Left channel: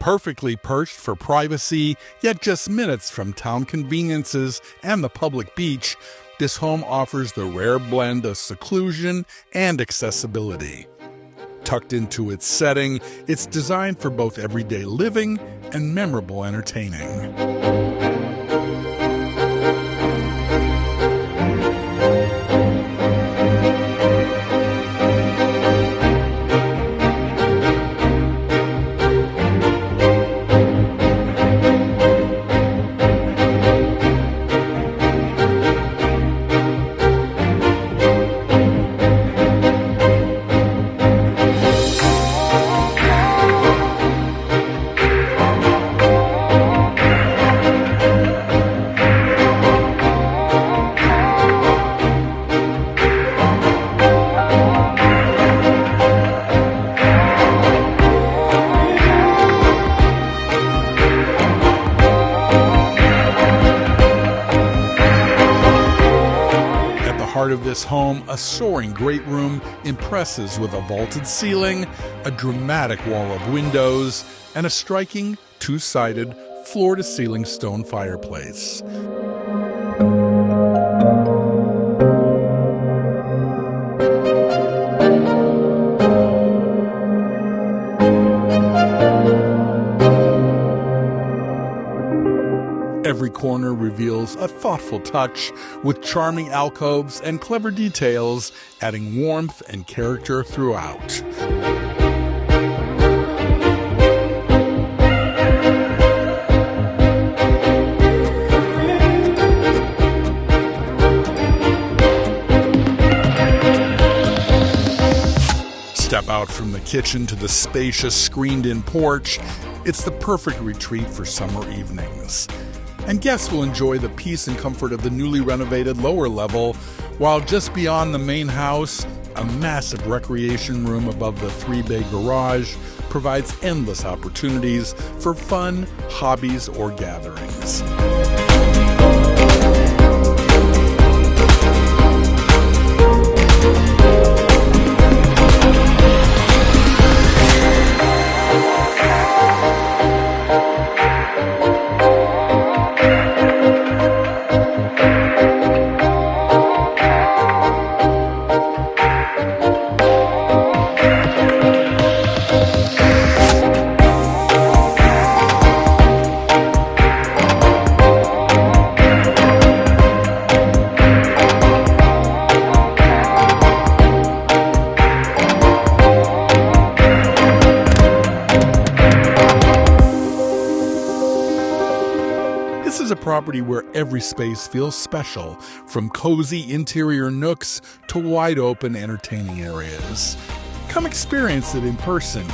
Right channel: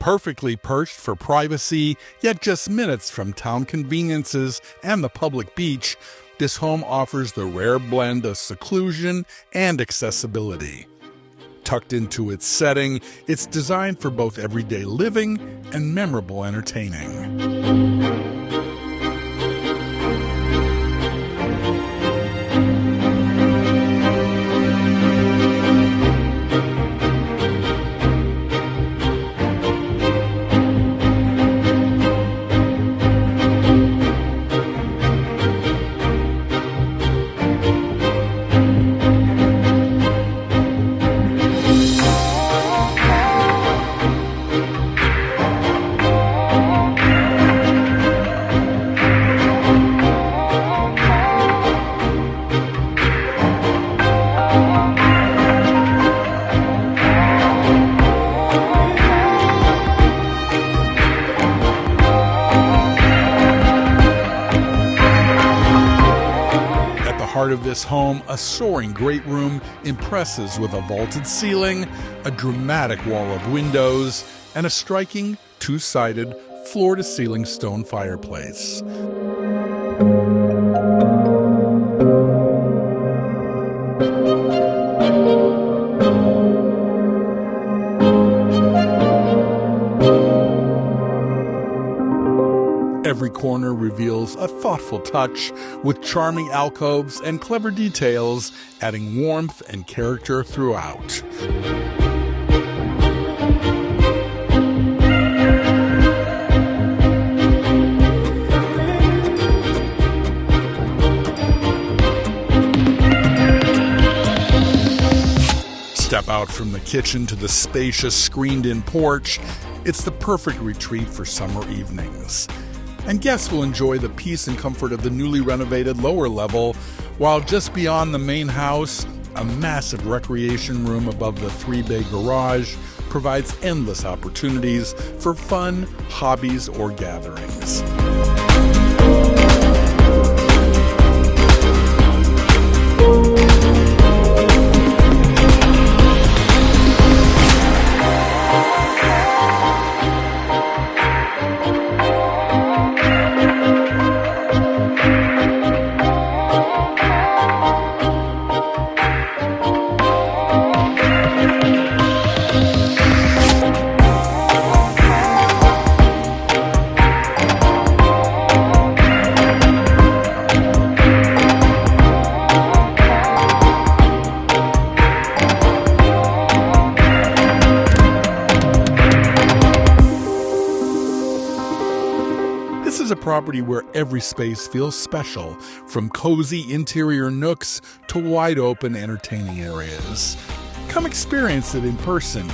Perfectly perched for privacy, yet just minutes from town conveniences and the public beach, this home offers the rare blend of seclusion and accessibility. Tucked into its setting, it's designed for both everyday living and memorable entertaining. Heart of this home, a soaring great room impresses with a vaulted ceiling, a dramatic wall of windows, and a striking two-sided floor-to-ceiling stone fireplace. Every corner reveals a thoughtful touch, with charming alcoves and clever details, adding warmth and character throughout. Step out from the kitchen to the spacious screened-in porch. It's the perfect retreat for summer evenings. And guests will enjoy the peace and comfort of the newly renovated lower level, while just beyond the main house, a massive recreation room above the three-bay garage provides endless opportunities for fun, hobbies, or gatherings. This is a property where every space feels special, from cozy interior nooks to wide-open entertaining areas. Come experience it in person.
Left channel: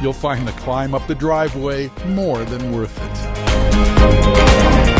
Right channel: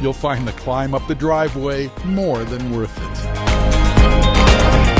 You'll find the climb up the driveway more than worth it.